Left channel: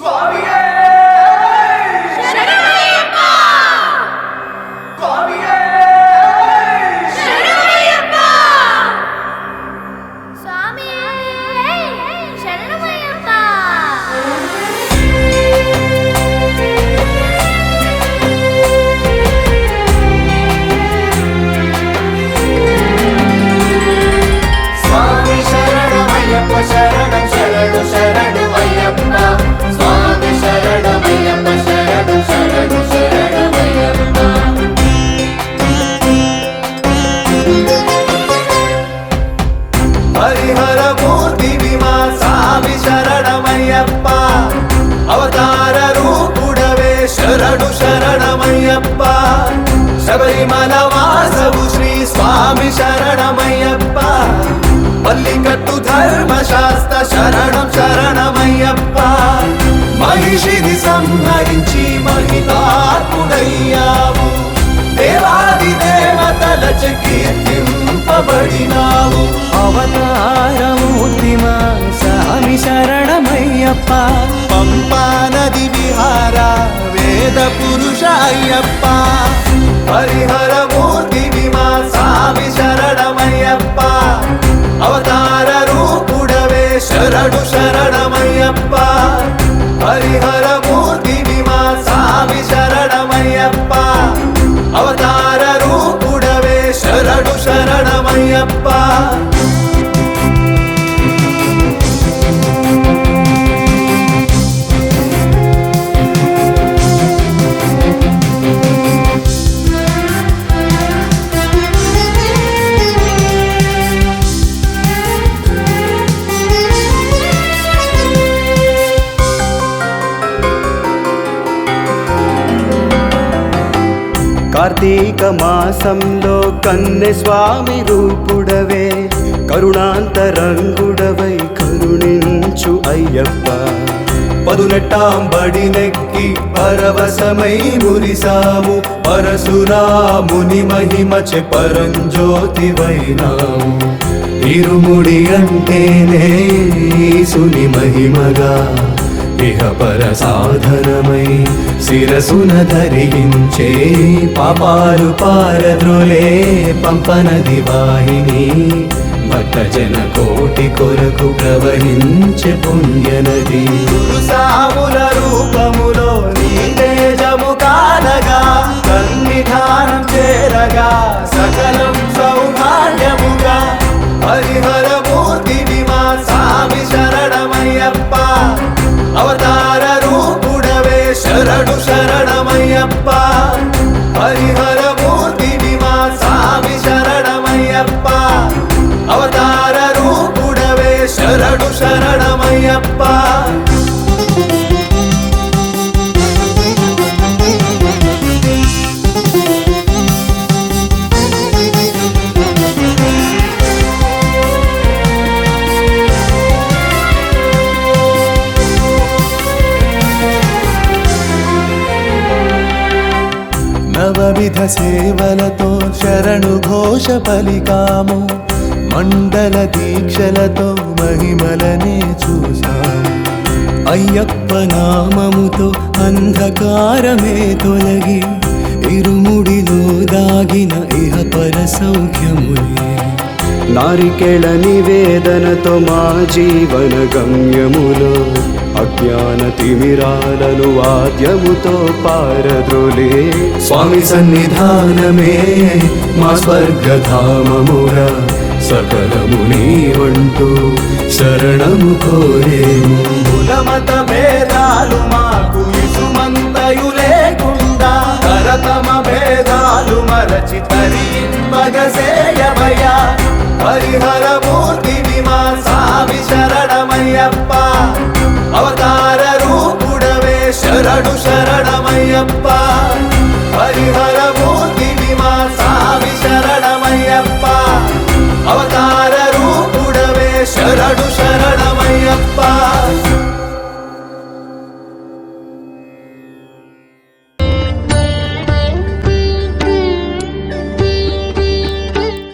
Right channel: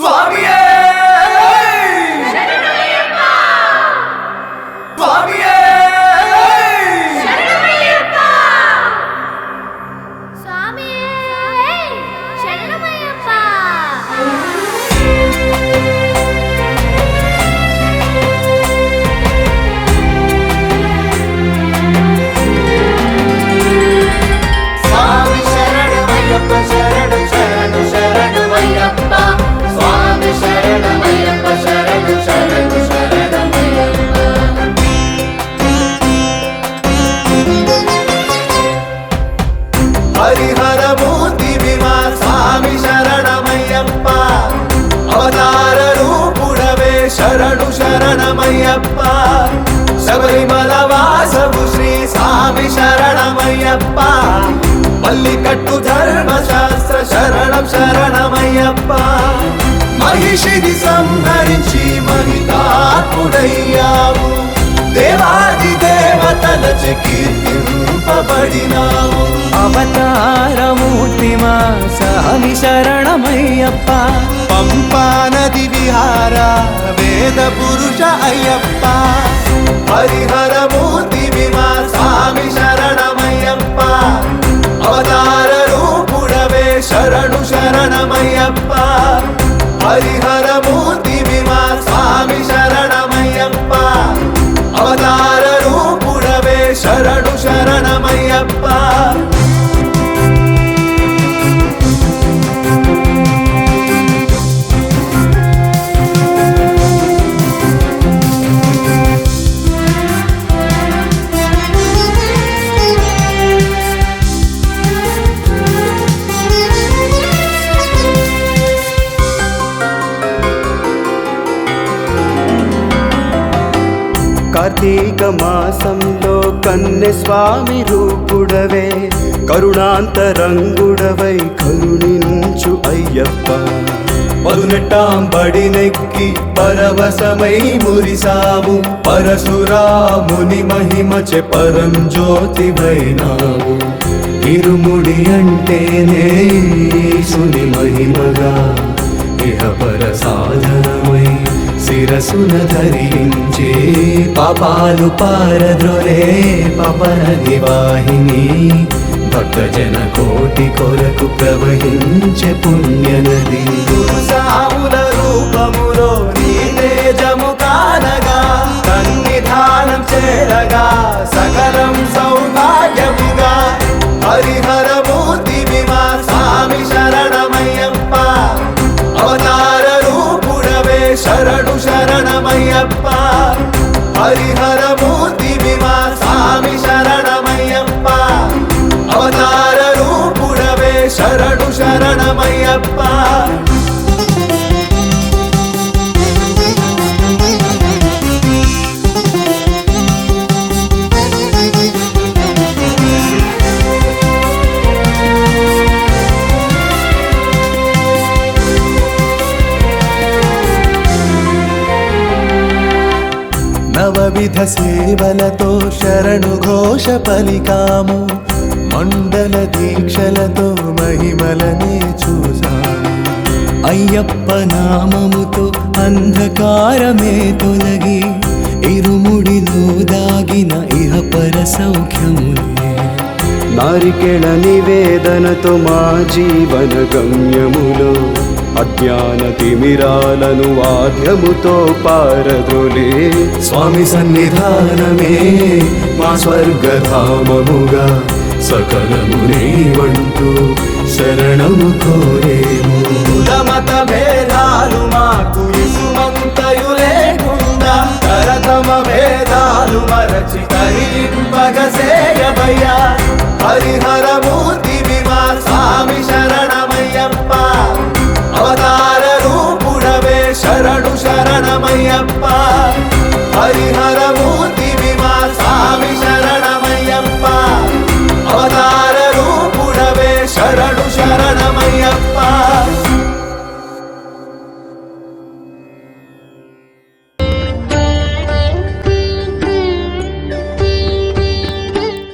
స్వామియే స్వామియే మల్లికట్టు ధర్మశాస్త్ర శరణం శరణమయ్యప్ప మహిషిని సంహరించి మహితాత్ముడయ్యావు దేవాది దేవతలచ కీర్తింపబడినావు అవతారమూర్తిమా స్వామి శరణమయ్యప్ప పంపా నది విహార వేద పురుష అయ్యప్ప హరిహర మూర్తిమా స్వామి శరణమయ్యప్ప అవతార రూపుడవే శరణు శరణమయ్యప్ప హరిహర మూర్తిమా స్వామి శరణమయ్యప్ప అవతార రూపుడవే శరణు శరణమయ్యప్ప కార్తీక మాసంలో కన్నె స్వామి రూపుడవే కరుణాంతరంగుడవై కరుణించు అయ్యప్ప పదునెట్టాంబడి నెక్కి పరవశమై మురిసావు పరశురాముని మహిమచె పరంజ్యోతివైనావు ఇరుముడి అంటేనే ఈశుని మహిమగా ఇహ పర సాధనమై శిరసున ధరించే పాపాలు పారద్రోలే పంపనది వాహిని భక్తజన కోటి కొరకు ప్రవహించే పుణ్యనది సాముల రూపములో నీ తేజము కానగా సన్నిధానం చేరగా సకలం సౌభాగ్యముగా హరిహర మూర్తిమా స్వామి శరణమయ్యప్ప అవతార రూపుడవే శరణు శరణమయ్యప్ప హరిహర మూర్తిమా స్వామి శరణమయ్యప్ప అవతార రూపుడవే శరణు శరణమయ్యప్ప నవవిధ సేవలతో శరణు ఘోష పలికాము మండల దీక్షలతో మహిమలనే చూసాము అయ్యప్ప నామముతో అంధకారమే తొలగి ఇరుముడిలో దాగిన ఇహ పర సౌఖ్యములే నారికేళ నివేదనతో మా జీవన గమ్యములు అజ్ఞాన తిమిరాలను వాద్యముతో పారద్రోలే స్వామి సన్నిధానమే మా స్వర్గధామముగా సకలము నీవంటూ శరణము కోరేము కులమత